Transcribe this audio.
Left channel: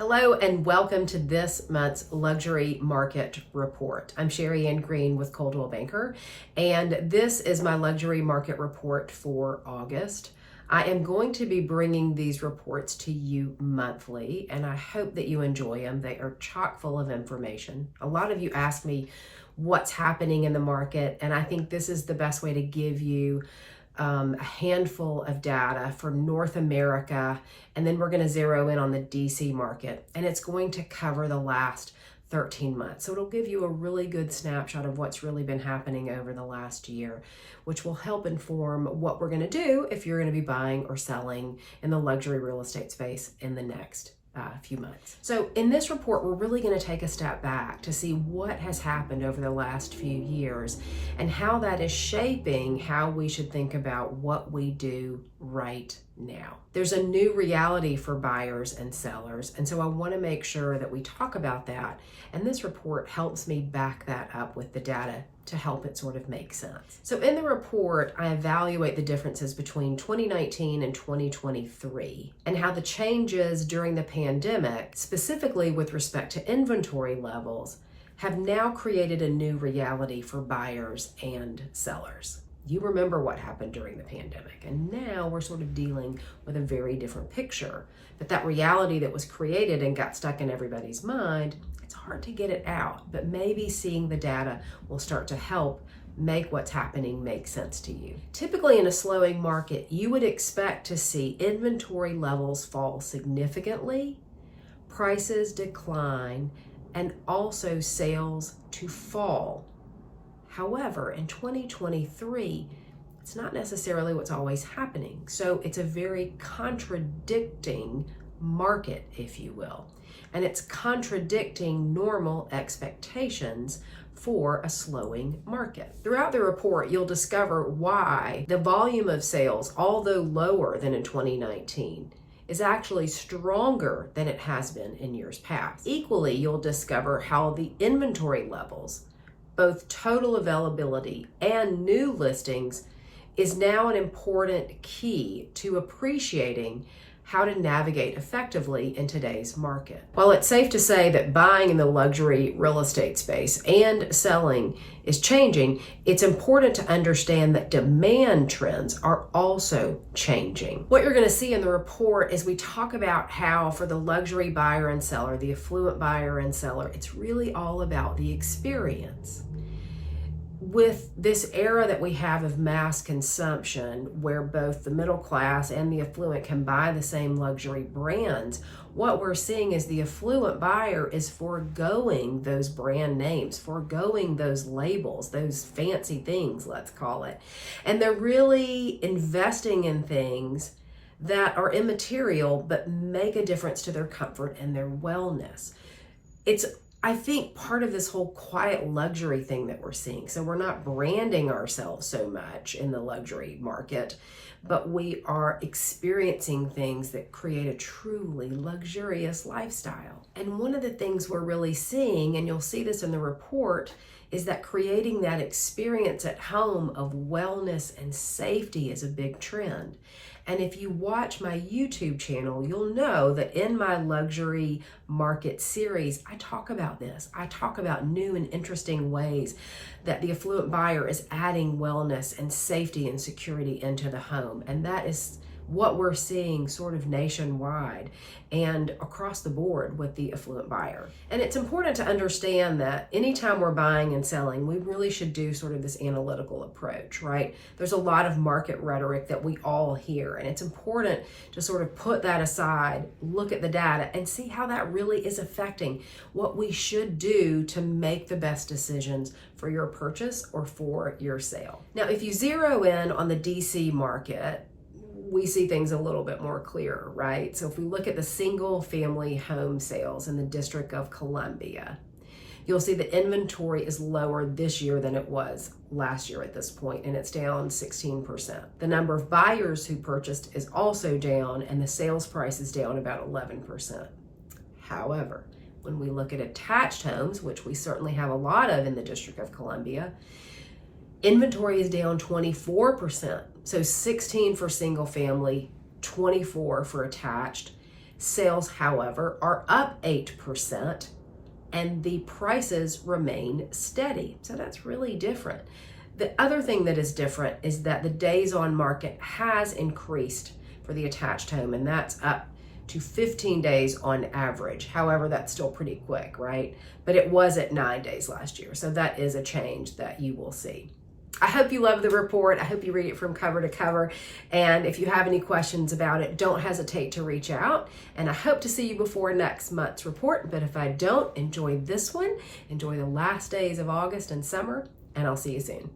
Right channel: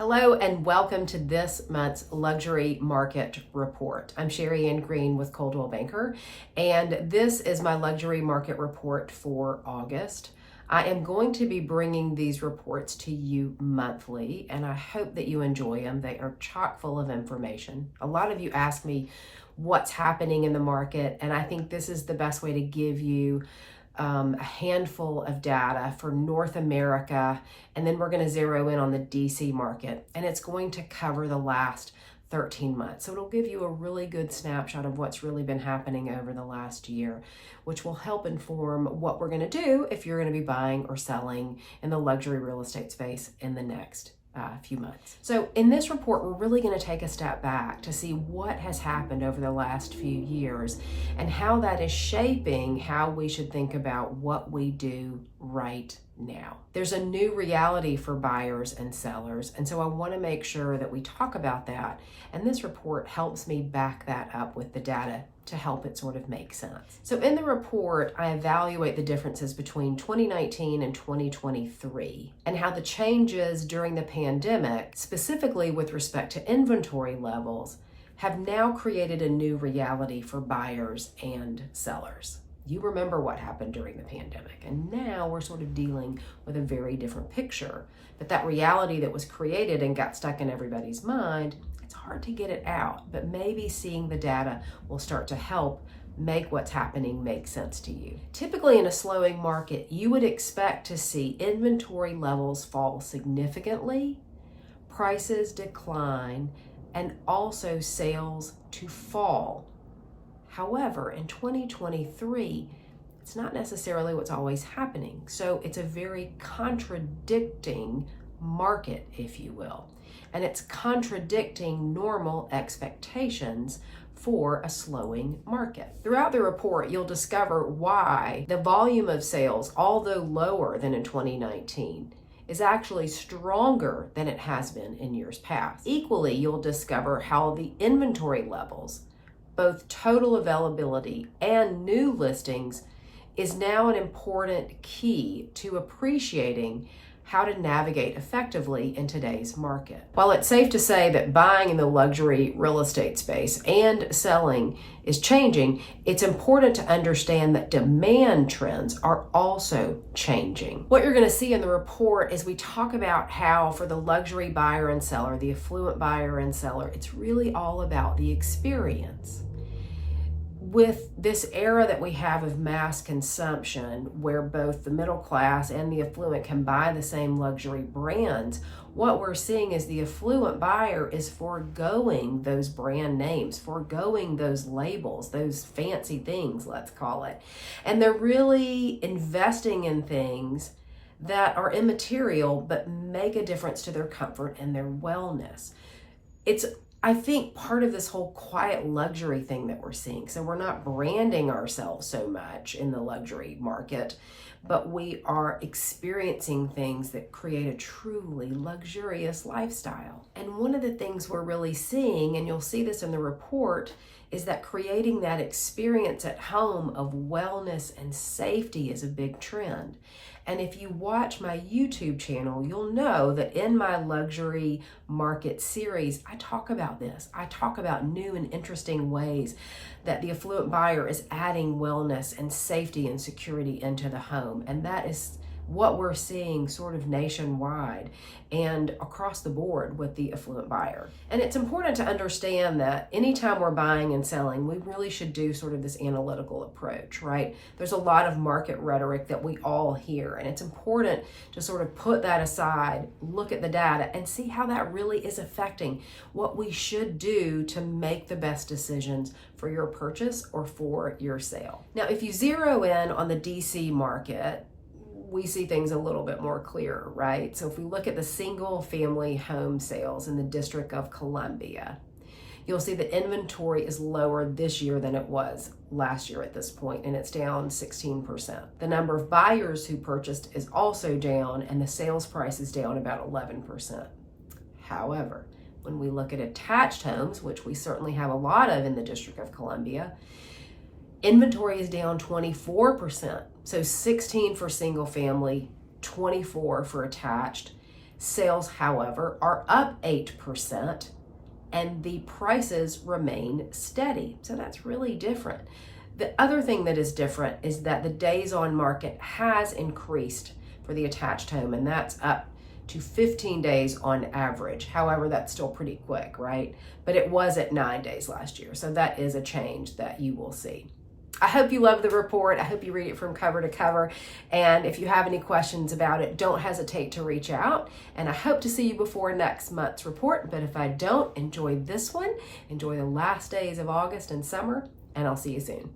Hello and welcome to this month's Luxury Market Report. I'm Sherri Ann Green with Coldwell Banker, and this is my Luxury Market Report for August. I am going to be bringing these reports to you monthly, and I hope that you enjoy them. They are chock full of information. A lot of you ask me what's happening in the market, and I think this is the best way to give you a handful of data for North America, and then we're going to zero in on the DC market, and it's going to cover the last 13 months. So it'll give you a really good snapshot of what's really been happening over the last year, which will help inform what we're going to do if you're going to be buying or selling in the luxury real estate space in the next few months. So in this report, we're really going to take a step back to see what has happened over the last few years and how that is shaping how we should think about what we do right now. There's a new reality for buyers and sellers, and so I want to make sure that we talk about that, and this report helps me back that up with the data to help it sort of make sense. So in the report, I evaluate the differences between 2019 and 2023 and how the changes during the pandemic, specifically with respect to inventory levels, have now created a new reality for buyers and sellers. You remember what happened during the pandemic, and now we're sort of dealing with a very different picture. But that reality that was created and got stuck in everybody's mind, it's hard to get it out, but maybe seeing the data will start to help make what's happening make sense to you. Typically in a slowing market, you would expect to see inventory levels fall significantly, prices decline, and also sales to fall. However, in 2023, it's not necessarily what's always happening. So it's a very contradicting market, if you will. And it's contradicting normal expectations for a slowing market. Throughout the report, you'll discover why the volume of sales, although lower than in 2019, is actually stronger than it has been in years past. Equally, you'll discover how the inventory levels, both total availability and new listings, is now an important key to appreciating how to navigate effectively in today's market. While it's safe to say that buying in the luxury real estate space and selling is changing, it's important to understand that demand trends are also changing. What you're going to see in the report is we talk about how for the luxury buyer and seller, the affluent buyer and seller, it's really all about the experience. With this era that we have of mass consumption, where both the middle class and the affluent can buy the same luxury brands, what we're seeing is the affluent buyer is foregoing those brand names, foregoing those labels, those fancy things, let's call it. And they're really investing in things that are immaterial but make a difference to their comfort and their wellness. It's I think part of this whole quiet luxury thing that we're seeing. So we're not branding ourselves so much in the luxury market, but we are experiencing things that create a truly luxurious lifestyle. And one of the things we're really seeing, and you'll see this in the report, is that creating that experience at home of wellness and safety is a big trend. And if you watch my YouTube channel, you'll know that in my luxury market series, I talk about this. I talk about new and interesting ways that the affluent buyer is adding wellness and safety and security into the home. And that is what we're seeing sort of nationwide and across the board with the affluent buyer. And it's important to understand that anytime we're buying and selling, we really should do sort of this analytical approach, right? There's a lot of market rhetoric that we all hear, and it's important to sort of put that aside, look at the data, and see how that really is affecting what we should do to make the best decisions for your purchase or for your sale. Now, if you zero in on the DC market, we see things a little bit more clear, right? So if we look at the single family home sales in the District of Columbia, you'll see that inventory is lower this year than it was last year at this point, and it's down 16%. The number of buyers who purchased is also down, and the sales price is down about 11%. However, when we look at attached homes, which we certainly have a lot of in the District of Columbia, inventory is down 24%. So 16 for single family, 24 for attached. Sales, however, are up 8%, and the prices remain steady. So that's really different. The other thing that is different is that the days on market has increased for the attached home, and that's up to 15 days on average. However, that's still pretty quick, right? But it was at 9 days last year. So that is a change that you will see. I hope you love the report. I hope you read it from cover to cover. And if you have any questions about it, don't hesitate to reach out. And I hope to see you before next month's report. But if I don't, enjoy this one. Enjoy the last days of August and summer, and I'll see you soon.